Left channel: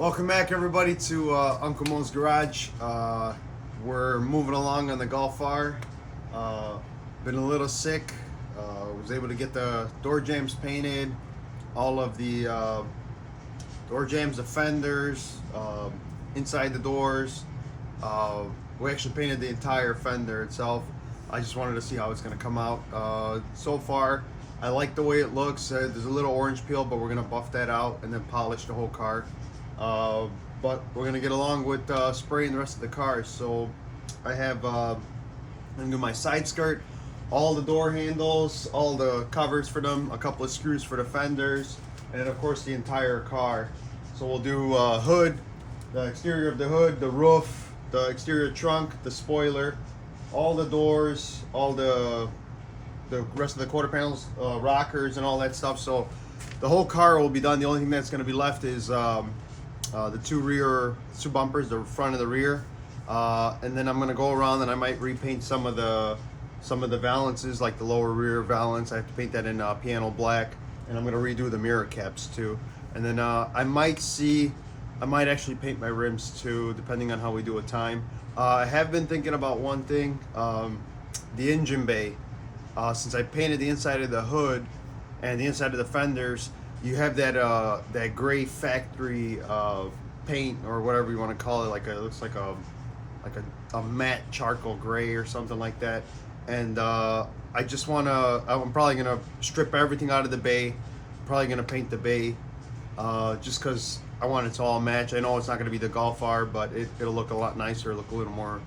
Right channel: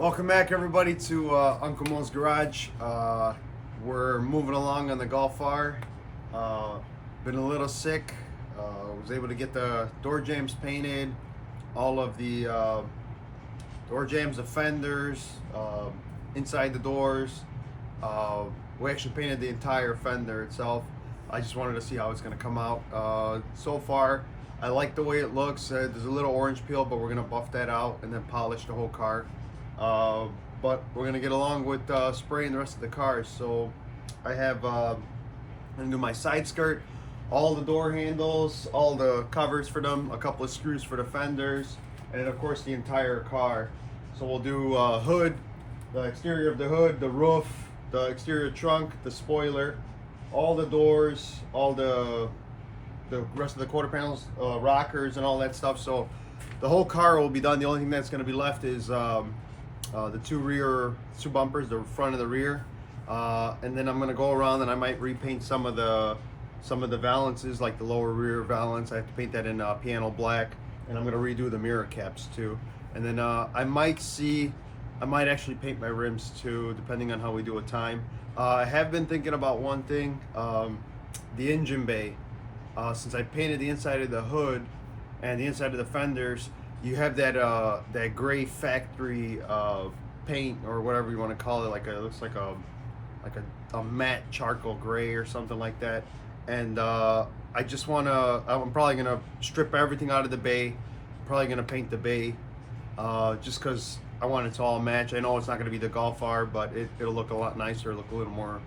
Welcome back, everybody, to Uncle Mo's Garage. We're moving along on the Golf R. Been a little sick. Was able to get the door jambs painted, all of the door jambs, the fenders, inside the doors. We actually painted the entire fender itself. I just wanted to see how it's going to come out. So far, I like the way it looks. There's a little orange peel, but we're going to buff that out and then polish the whole car. But we're gonna get along with spraying the rest of the car. So I have I'm gonna do my side skirt, all the door handles, all the covers for them, a couple of screws for the fenders, and then of course the entire car. So we'll do hood, the exterior of the hood, the roof, the exterior trunk, the spoiler, all the doors, all the rest of the quarter panels, rockers, and all that stuff. So the whole car will be done. The only thing that's gonna be left is the two bumpers, the front and the rear, and then I'm gonna go around and I might repaint some of the valances, like the lower rear valance. I have to paint that in piano black, and I'm gonna redo the mirror caps too. And then I might actually paint my rims too, depending on how we do a time. I have been thinking about one thing, the engine bay. Since I painted the inside of the hood and the inside of the fenders, you have that gray factory paint, or whatever you want to call it. It looks like a matte charcoal gray or something like that. And I'm probably gonna strip everything out of the bay. I'm probably gonna paint the bay, just because I want it to all match. I know it's not gonna be the Golf R, but it'll look a lot nicer, look a little more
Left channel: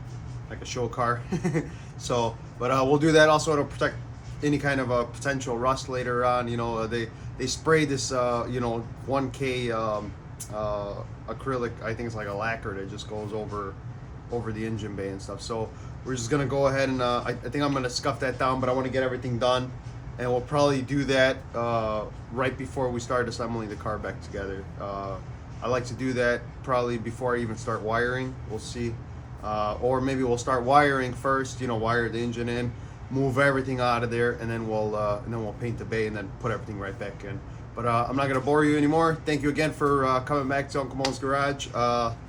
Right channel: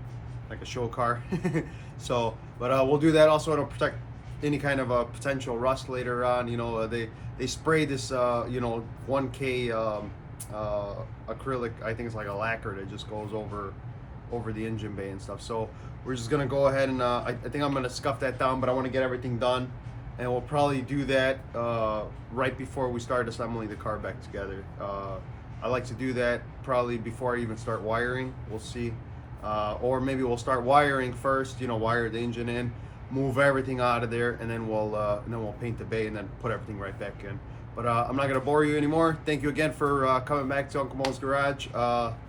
like a show car. So, but we'll do that. Also, it'll protect any kind of potential rust later on. You know, they spray this 1K acrylic, I think it's like a lacquer that just goes over the engine bay and stuff. So we're just gonna go ahead and I think I'm gonna scuff that down, but I want to get everything done, and we'll probably do that right before we start assembling the car back together. I like to do that probably before I even start wiring. We'll see, or maybe we'll start wiring first, wire the engine in, move everything out of there, and then we'll paint the bay and then put everything right back in. But I'm not gonna bore you anymore. Thank you again for coming back to Uncle Mo's Garage.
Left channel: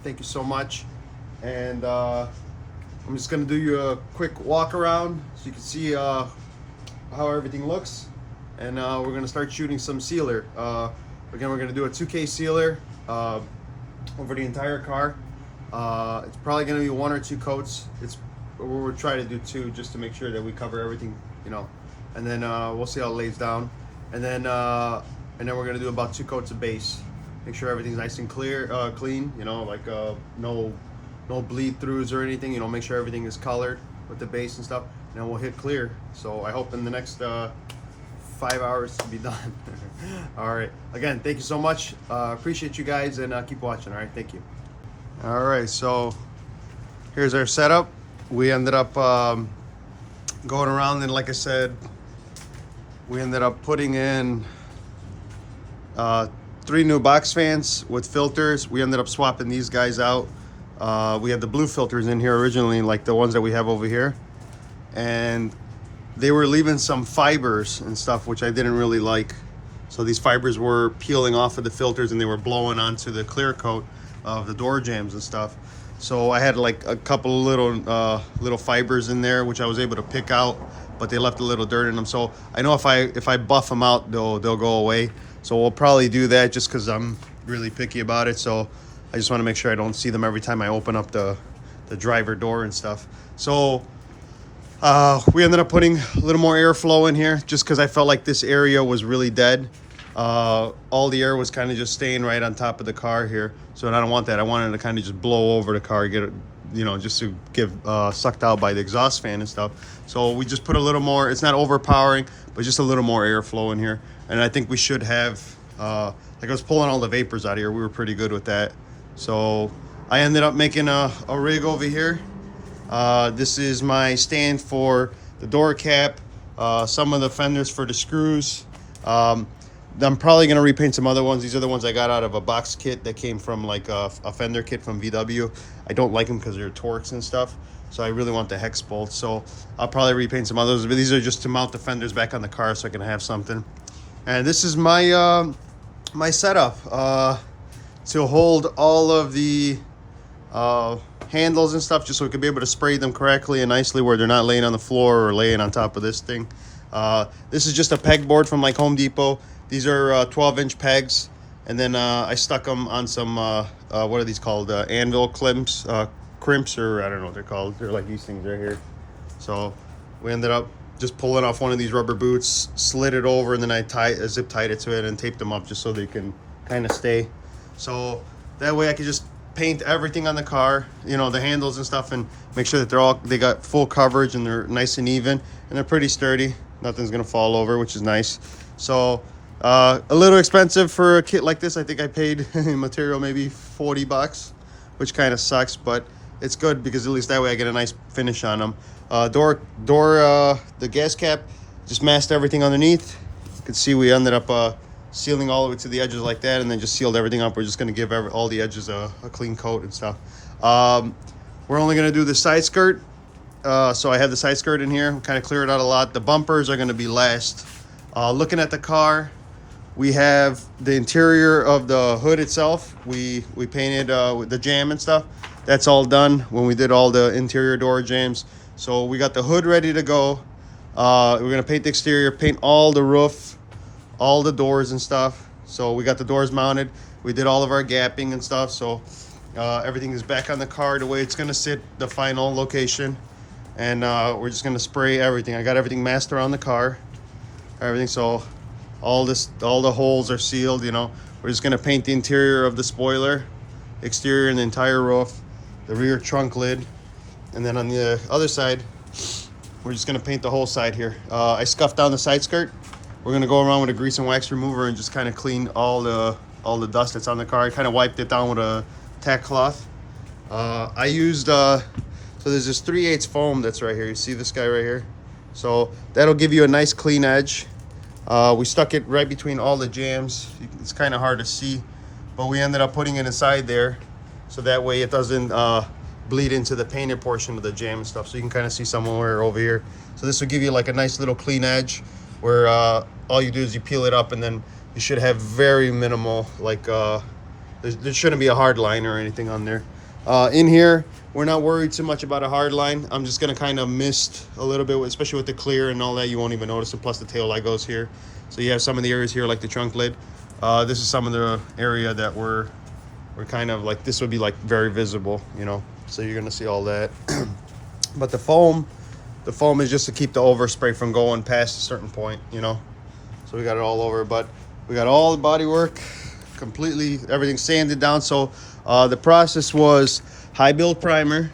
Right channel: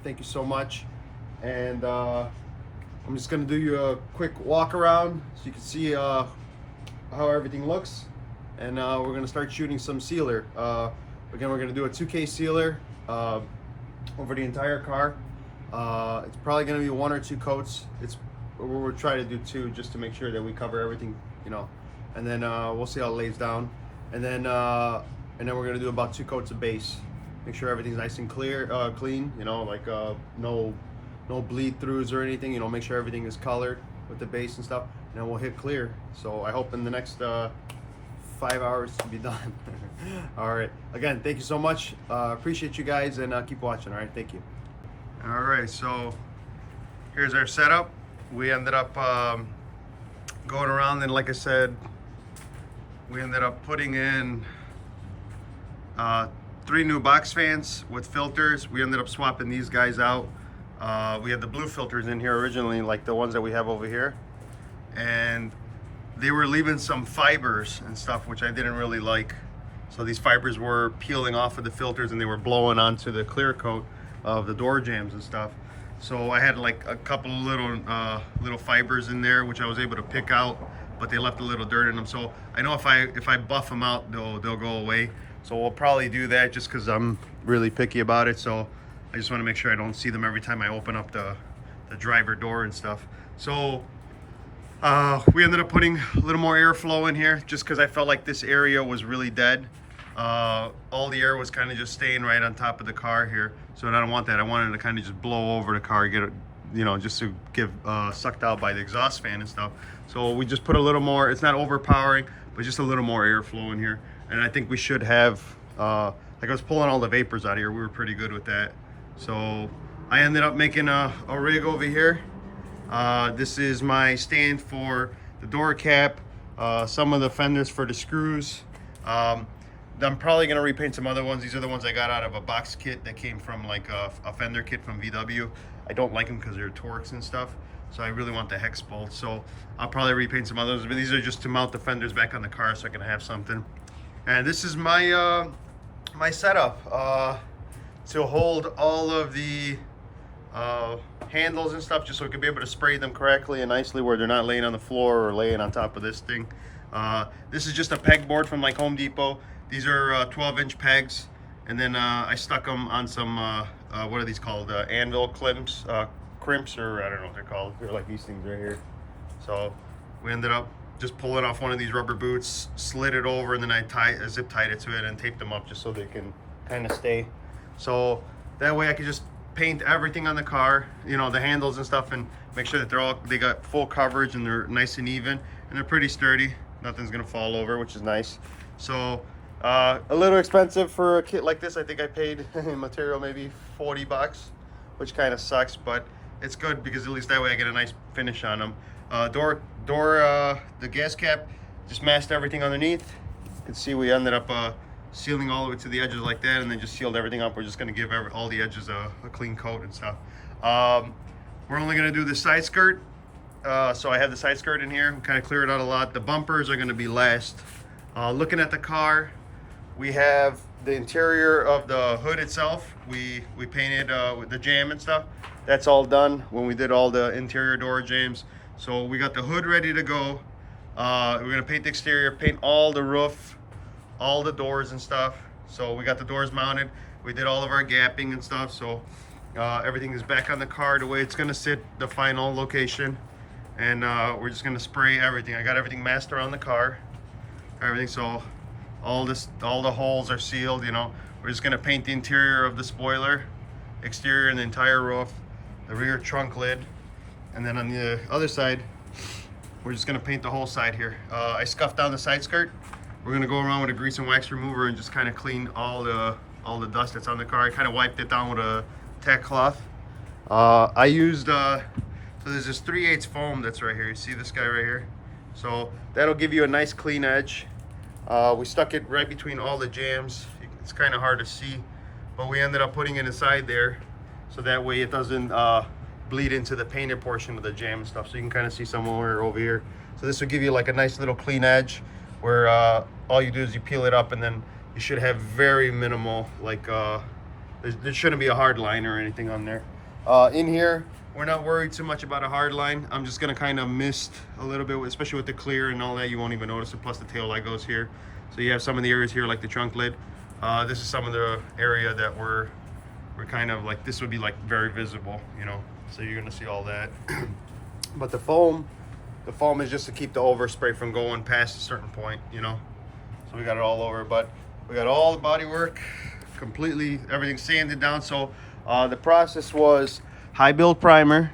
Thank you so much. And I'm just gonna do you a quick walk around so you can see how everything looks. And we're gonna start shooting some sealer. Again, we're gonna do a 2K sealer over the entire car. It's probably gonna be 1 or 2 coats. We'll try to do 2 just to make sure that we cover everything, and then we'll see how it lays down. And then we're gonna do about 2 coats of base. Make sure everything's nice and clean, no bleed throughs or anything. Make sure everything is colored with the base and stuff. And then we'll hit clear. So I hope in the next 5 hours to be done. All right. Again, thank you so much. Appreciate you guys, and keep watching. All right. Thank you. All right. So here's our setup. We ended up going around, and like I said, we ended up putting in 3 new box fans with filters. We ended up swapping these guys out. We had the blue filters in here originally, like the ones that we have over here, and they were leaving some fibers and stuff, which I didn't really like. So these fibers were peeling off of the filters, and they were blowing onto the clear coat of the door jambs and stuff. So I had like a couple of little fibers in there, which I was able to pick out, but they left a little dirt in them. So I know if I buff them out, they'll go away. So we'll probably do that, just because I'm really picky about it. So I just want to make sure I don't see them every time I open up the driver door and stuff. So we ended up putting a little more airflow in here, just because I felt like this area was really dead. All the air was kind of just staying right on top of the car here. So I don't want that. I wanted to kind of just blow over the car, get it, just to give sucked out by the exhaust fan and stuff. So we just put a little more. It's not overpowering, but just a little more airflow in here. And I think we should have, like I was pulling all the vapors out of here. We were pretty good with that. So I ended up making a rig over here. This is my stand for the door cap, some of the fenders for the screws. I'm probably going to repaint some other ones. These are the ones I got out of a box kit that came from like a fender kit from VW. I don't like them because they're Torx and stuff. So I really want the hex bolts. So I'll probably repaint some others, but these are just to mount the fenders back on the car so I can have something. And this is my my setup. to hold all of the handles and stuff, just so we can be able to spray them correctly and nicely where they're not laying on the floor or laying on top of this thing. This is just a pegboard from like Home Depot. These are 12-inch pegs, and then I stuck them on some what are these called, anvil crimps, or I don't know what they're called. They're like these things right here. So we ended up just pulling off one of these rubber boots, slid it over, and then I zip tied it to it and taped them up just so they can kind of stay. So that way I could just paint everything on the car, you know, the handles and stuff, and make sure that they got full coverage and they're nice and even, and they're pretty sturdy. Nothing's gonna fall over, which is nice. So a little expensive for a kit like this. I think I paid material maybe 40 bucks, which kind of sucks, but it's good because at least that way I get a nice finish on them. The gas cap, just masked everything underneath. You can see we ended up sealing all the way to the edges like that, and then just sealed everything up. We're just going to give all the edges a clean coat and stuff. We're only going to do the side skirt. So I have the side skirt in here, kind of clear it out a lot. The bumpers are going to be last. Looking at the car, we have the interior of the hood itself. We painted with the jam and stuff. That's all done when we did all the interior door jams. So we got the hood ready to go. We're going to paint the exterior, paint all the roof, all the doors and stuff. So we got the doors mounted. We did all of our gapping and stuff. So everything is back on the car the way it's going to sit, the final location. And we're just going to spray everything. I got everything masked around the car, everything. So all the holes are sealed, you know. We're just going to paint the interior of the spoiler, exterior, and the entire roof, the rear trunk lid. And then on the other side, we're just going to paint the whole side here. I scuffed down the side skirt. We're going to go around with a grease and wax remover and just kind of clean all the dust that's on the car. I kind of wiped it down with a tack cloth. I used so there's this 3/8 foam that's right here. You see this guy right here? So that'll give you a nice clean edge. We stuck it right between all the jams. It's kind of hard to see, but we ended up putting it inside there, so that way it doesn't bleed into the painted portion of the jam and stuff. So you can kind of see somewhere over here. So this will give you like a nice little clean edge, where all you do is you peel it up, and then you should have very minimal, like there shouldn't be a hard line or anything on there. In here, we're not worried too much about a hard line. I'm just gonna kind of mist a little bit, especially with the clear and all that. You won't even notice it. Plus the tail light goes here, so you have some of the areas here like the trunk lid. This is some of the area that we're kind of like, this would be like very visible, you know, so you're gonna see all that. But the foam is just to keep the overspray from going past a certain point, you know. So we got it all over, but we got all the body work completely, everything sanded down. So the process was high build primer,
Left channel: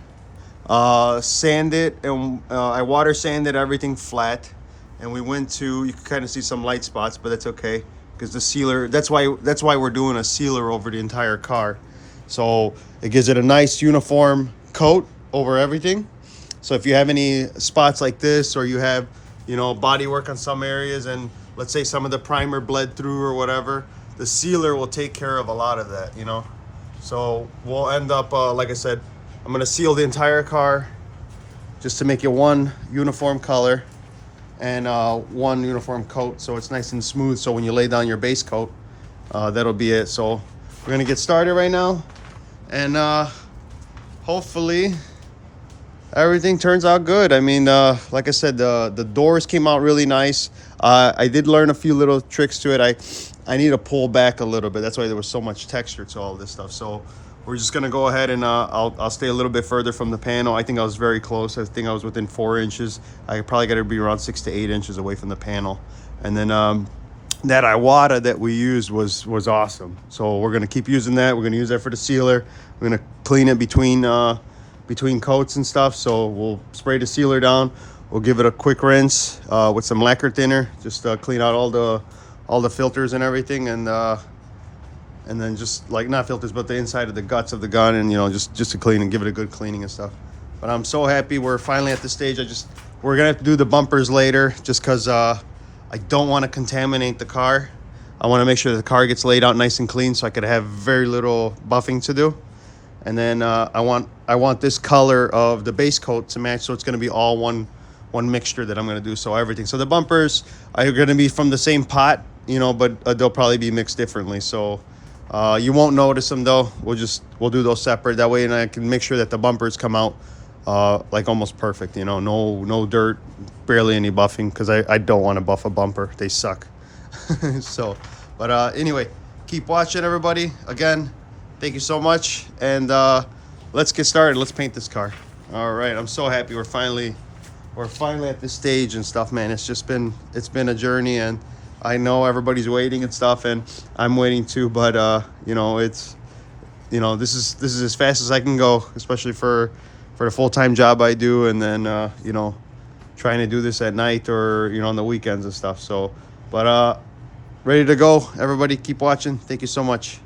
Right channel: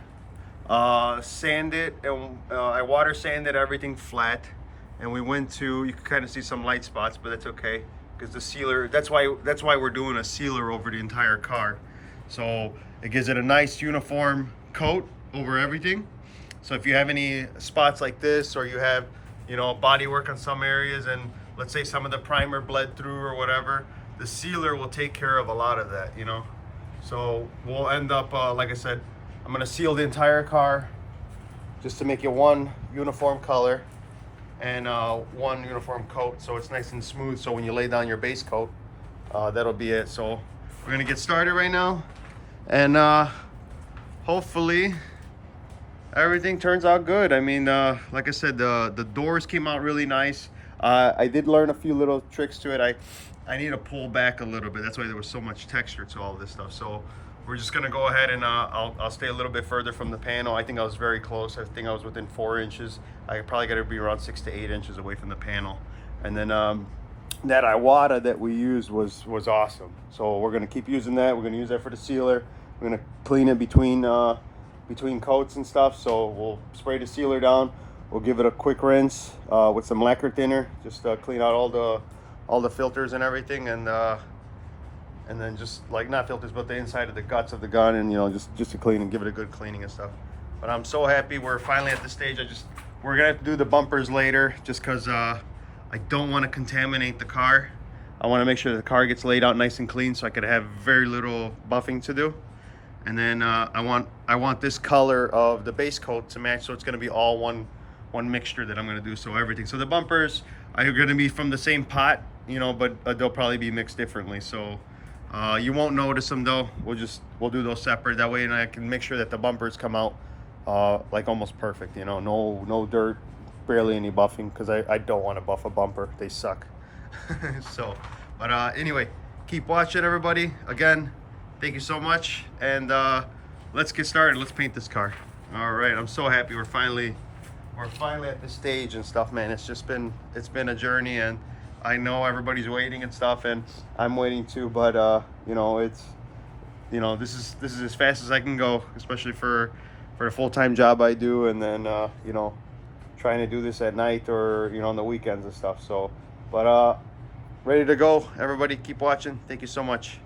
sand it, and I water sanded everything flat, and we went to, you can kind of see some light spots, but that's okay, because the sealer, that's why we're doing a sealer over the entire car. So it gives it a nice uniform coat over everything. So if you have any spots like this, or you have, you know, body work on some areas, and let's say some of the primer bled through or whatever, the sealer will take care of a lot of that, you know. So we'll end up, like I said, I'm gonna seal the entire car just to make it one uniform color and one uniform coat, so it's nice and smooth. So when you lay down your base coat, that'll be it. So we're gonna get started right now, and hopefully everything turns out good. I mean, like I said, the doors came out really nice. I did learn a few little tricks to it. I need to pull back a little bit. That's why there was so much texture to all this stuff. So we're just gonna go ahead and I'll stay a little bit further from the panel. I think I was very close. I think I was within 4 inches. I probably got to be around 6 to 8 inches away from the panel. And then that Iwata that we used was awesome. So we're gonna keep using that. We're gonna use that for the sealer. We're gonna clean it between coats and stuff. So we'll spray the sealer down. We'll give it a quick rinse with some lacquer thinner, just clean out all the filters and everything, and then just like, not filters, but the inside of the guts of the gun, and you know, just to clean and give it a good cleaning and stuff. But I'm so happy we're finally at the stage. We're gonna have to do the bumpers later, just because I don't want to contaminate the car. I want to make sure the car gets laid out nice and clean, so I could have very little buffing to do. And then I want this color of the base coat to match, so it's gonna be all one mixture that I'm gonna do. So everything. So the bumpers are gonna be from the same pot, you know, but they'll probably be mixed differently. So You won't notice them though. We'll do those separate. That way, and I can make sure that the bumpers come out like almost perfect. You know, no dirt, barely any buffing, because I don't want to buff a bumper. They suck. So, but anyway, keep watching, everybody. Again, thank you so much, and let's get started. Let's paint this car. All right, I'm so happy we're finally at this stage and stuff, man. It's been a journey, and I know everybody's waiting and stuff, and I'm waiting too, but you know, this is as fast as I can go, especially for the full-time job I do, and then you know, trying to do this at night or, you know, on the weekends and stuff. So, but ready to go, everybody. Keep watching. Thank you so much.